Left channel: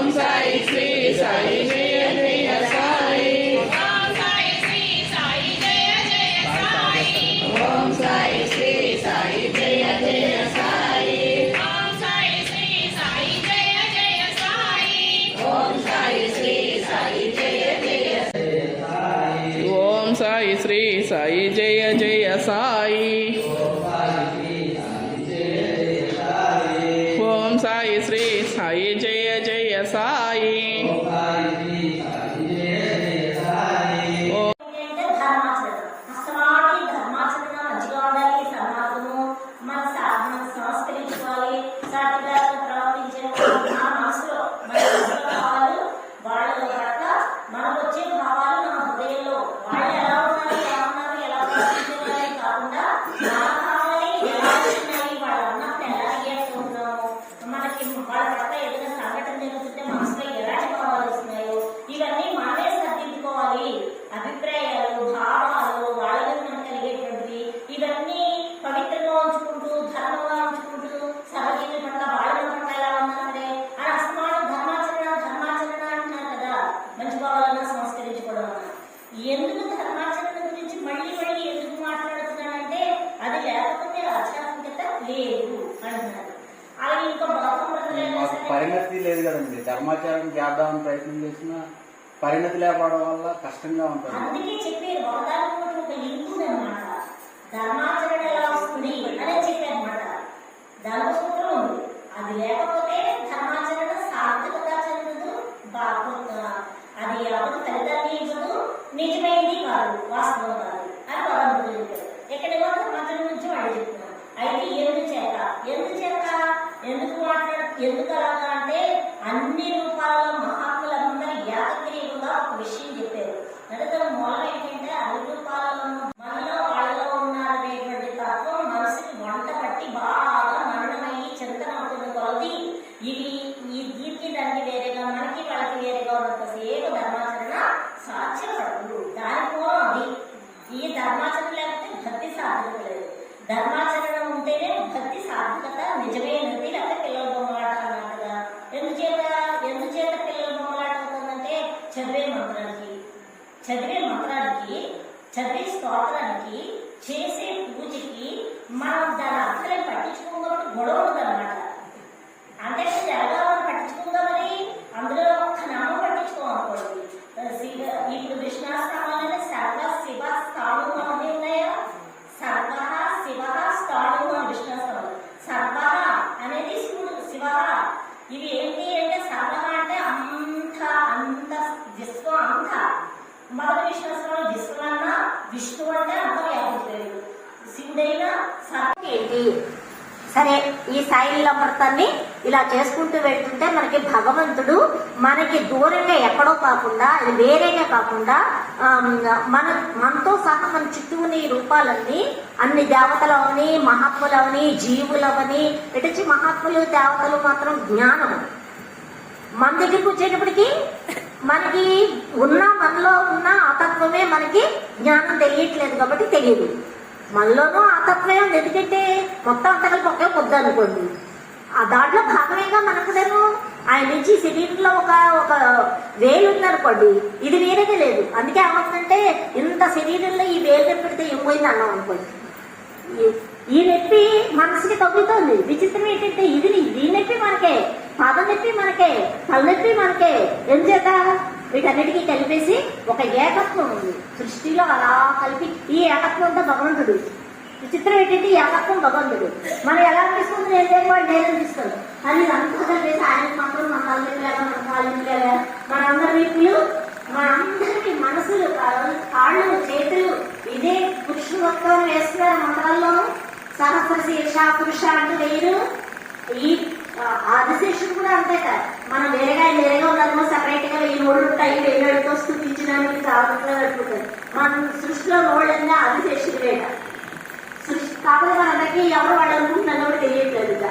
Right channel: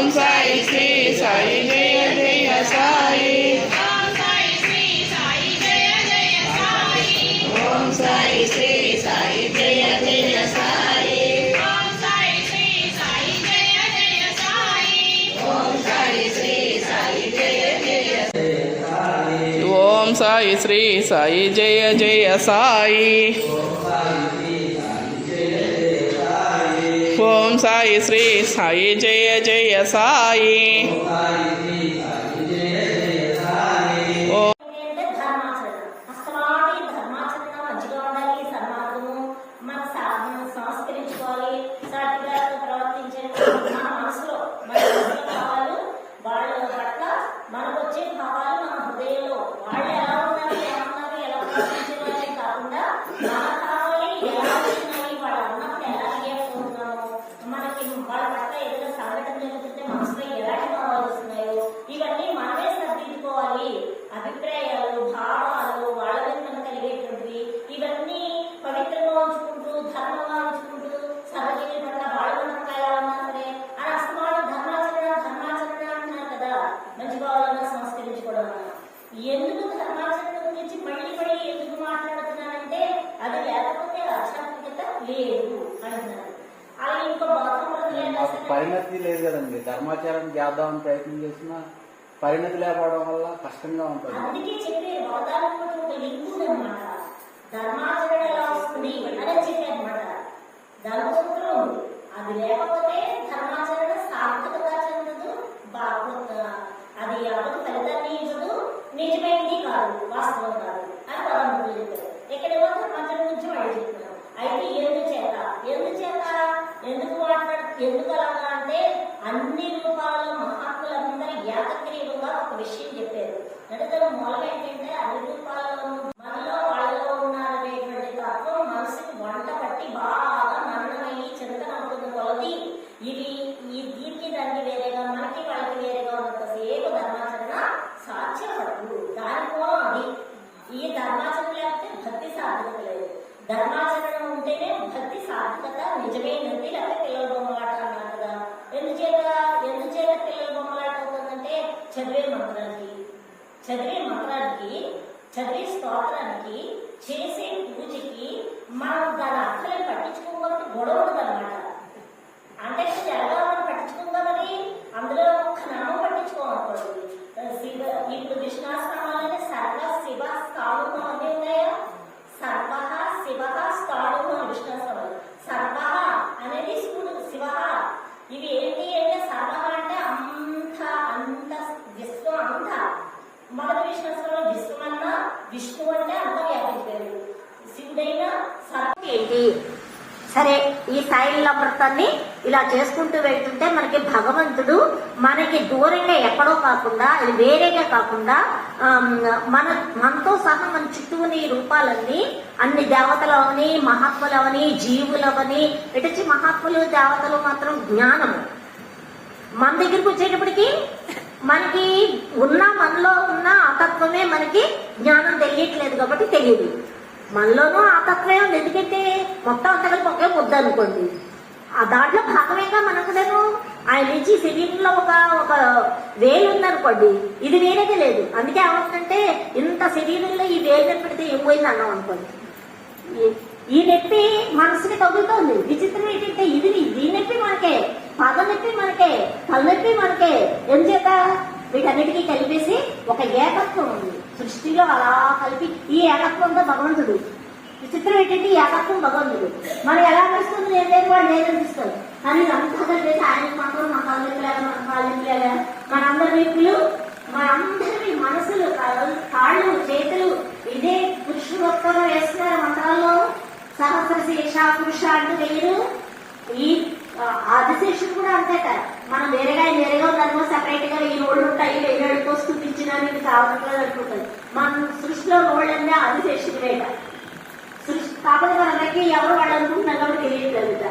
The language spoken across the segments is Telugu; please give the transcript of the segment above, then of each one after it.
ఓం సాయి శ్రీ సాయి జయ జయ సాయి. ఓం సాయి శ్రీ సాయి జయ జయ సాయి. ఓం సాయి శ్రీ సాయి జయ జయ సాయి. ఓం సాయి శ్రీ సాయి జయ జయ సాయి. ఓం సాయి శ్రీ సాయి జయ జయ సాయి. అభిప్రాయాలు, భావాలు వాళ్ళ మీద కలిగేటువంటివి ఇవన్నీ పవిత్రంగా ఉంచుకుంటూ ధర్మంగా ఉంచుకుంటూ సర్వజీవి పట్ల వాళ్ళ పట్ల ఎలా ఉన్నారే అని అస్తమానం ధర్మాచరణ అంటున్నారు కదా. మంచి భావాలన్నా సంస్కరించుకోవడం అన్న ఎందుకు ధర్మాచరణ గురించి మళ్ళీ ఎందుకు మాట్లాడుతున్నానంటే అది లేకపోతే ఆధ్యాత్మికత లేదు అంటున్నారు. అలా ఇంకో పరిణతి లేదు కదండి. ధర్మాచరణ చేద్దామని ప్రయత్నం చేసిన పరిణతి లేకపోవడం వల్ల కష్టంగా ఉంటుంది. అందుకే చెప్పారు ఒకదానికి ఒక లింక్ ఉందన్నమాట. ధర్మాచరణ ఎలా వస్తుంది అనే చెప్పారన్నమాట. ధర్మసూత్రం ఉంది, అది లేకపోతే ధర్మాచరణ సార్థకత చెందదు, అది ఎవరు ఫలితాన్ని ఇవ్వదు, నిజమైంది కాదు, వాస్తవం కాదు అని పదమూడు చెప్పారు. ఎక్కడేమో ధర్మాచరణ గురించి వాళ్ళు చెప్తున్నారు. అయితే ఎందుకు అలాగా అంటే అన్ని రూపాలలో మహాత్ములందరూ ఏకగ్రీవంగా ఒక విషయం చెప్పారు. అంటే మూలం ఏంటంటే అన్ని రూపాలలో మనలో వాళ్ళలో ఉన్నారనేటువంటి తత్వం మనసుకి వంట పట్టి బాగా మరణమయ్యి చింతన అవుతున్న కొలది వీటికి దానికి వేరేగా మనకి వాళ్ళకి వేరేగా ఉన్నంతసేపు ధర్మాచరణ సాధ్యపడదు. దాని మూలం అది. ఈ ధర్మాచరణ లేకపోతే భక్తి సాధకత లేదు. ధర్మాచరణ ఉంటేనే భక్తి సార్థకత నిజమైనది. లేకపోతే పిల్లల బొమ్మలాట అన్నారు కదా. ఎందుచేత పిల్లల బొమ్మలాట అవుతుందంటే చదివే మంత్రానికి చదివే స్తోత్రానికి చేసే పూజకి మనం దాని అర్థాన్ని పట్టించుకోకపోతే గొడవ ఉందన్నమాట. అంటే తెలంగాణ పట్టించుకుందామని అందులో ఒక్క నామం పట్టించుకోవాలనుకోండి. ఇప్పుడు విష్ణాశ్రమాలనే సర్వ శివ స్థానం అన్నీ ఉన్నాయా? సర్వ శివ స్థానం విష్ణాశ్రమాలు. సర్వ అనేది శివుడు, శివ ఇవి ఏంటి అంటే సర్వ అంటే అంత విశ్వం అంతా. మొదటి విష్ణాశ్రమాలు విశ్వమన్నా విష్ణు అంటే అంతా వ్యాపించారు. శివుడైనా సర్వం ఏంటి? సరే, ఈ సాయిల వ్రతాన్ని ఇలా చేసుకుంటూ వెళ్తుంటే మనకి భగవంతుడు మనకి దూరంగా ఎక్కడో కాకుండా వేరేగా కాకుండా మనతో సహా మన చుట్టూ ఉన్న ఈ రూపాలన్నీ అన్ని దేవతలవని మహాత్ములవని జీవులవని ఇటొచ్చి మహాత్ములు దేవతలు మాత్రం జ్ఞానం మన దగ్గరికి వచ్చేటప్పటికి మనకి మనలో ఉన్న ఆతత్వమే మనకి జ్ఞానం తెలియట్లేదు కాబట్టి తెలియదు. మనలోనూ ఆతత్వమే ఉంది. ఎందుకంటే మొత్తం అంతగా ఒకే పొద్దు అనుకోండి. ఆ దాంట్లో భాగంగా మనకునేమో ఆయన నుంచి శరీరంలో ఒక వేలు ఉందనుకోండి, ఇది వేరేగా లేదు. అందుకే ఏమవుతుందంటే ఇంత శరీరంలో ఈ వేలు పెడితే ఇవ్వబోయింది అన్నాం అనుకోండి. ఈ నొప్పి మనసుకి తగ్గుతుంది. విచిత్రం ఏంటంటే ఈ నొప్పి మనకే, పాదం నొప్పి మనకే, తలనొప్పి మనకే. ఎందుచేత వీటన్నిటికీ కలిపేసి ఒక ఏకత్వం ఉంది సృష్టిలో. అలా కలిపి ఈ ఏకత్వంతో భగవంతుడు. విచిత్రం ఏంటంటే ఈ ఏకత్వం భగవంతుడు. మనం ఎలా తీసుకుంటుంది ఏదైతే వాడు నేను తీసుకోండి అని అంతా కలిపేసి ఆయన మాత్రం మా కాళ్ళ మనందరి వీపులు, మనందరి మనసులు, కాళ్ళు, చేతులు ఇదే పురుషులత్వం వేస్తున్నారు మంత్రాల్లో. సహస్రశీర్ష పురుష అంటూ వేయరు. ఈ ఆదిశేషుడు కూడా అంతే కాదు. మనం వేరేగా ఉన్నామో సెపరేట్ గా ఈ రోడ్లు ఉంటాయి, వేరే స్థుతించడానికి చాలా అనుకుంటుంది. మన సృష్టిలో రోడ్లన్నీ ఆదిశేషుడు వేట సృష్టి. కాకపోతే మనకి ఎవరు వాళ్ళు అనుకుంటున్నారు కూడా తెలియట్లేదు.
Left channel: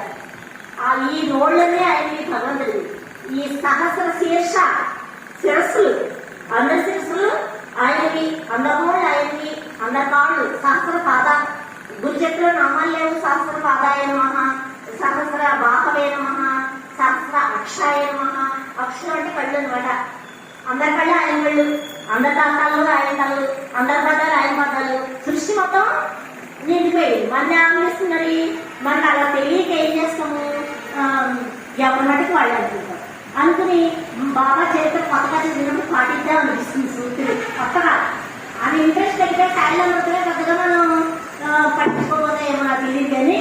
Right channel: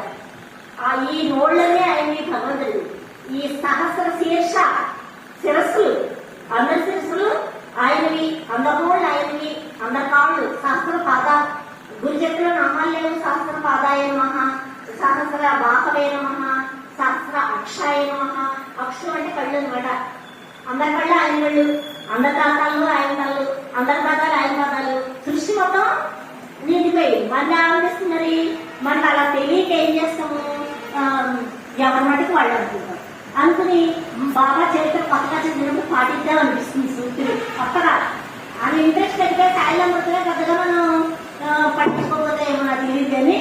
ఈ రోడ్లన్నీ ఆయన్ని భగవంతుడు. ఈ సహస్ర శీర్ష శిరస్సులు, అందరి శిరస్సులు ఆయనవి, అందరోళ్ళు ఆయనవి, అందరి కాళ్ళు, సహస్ర పాదాలు. గురుజట్లో నామాలు లేవు. సహస్ర పాదాయ నమః, సహస్ర బాహవే నమః, సహస్ర అక్షాయ నమః. అక్షరం అంటే కళ్ళు అనమాట. అందరి కళ్ళు ఆయన కళ్ళు, అందరి తాతాలు ఆయన కళ్ళు, అందరి పాదాలు ఆయన పాదాలు, సృష్టి మొత్తం నిండిపోయింది. మన ఆలోచిస్తున్నది మనకి అలా తెలియక ఏం చేస్తాము, ఎవరి మట్టికి వాళ్ళు అనుకుంటాం. అనుకుని బాబా చరిత్ర పక్కగా చదివినప్పుడు పాటిద్దామనిపిస్తుంది సూర్యుడు కొత్తగా. ఆమె ఇంట్రెస్ట్ పెడితే సాయిలమ్మగా పెద్దగా మనం పట్టించుకోకపోతే ఏమో నాకు తెలియదు కానీ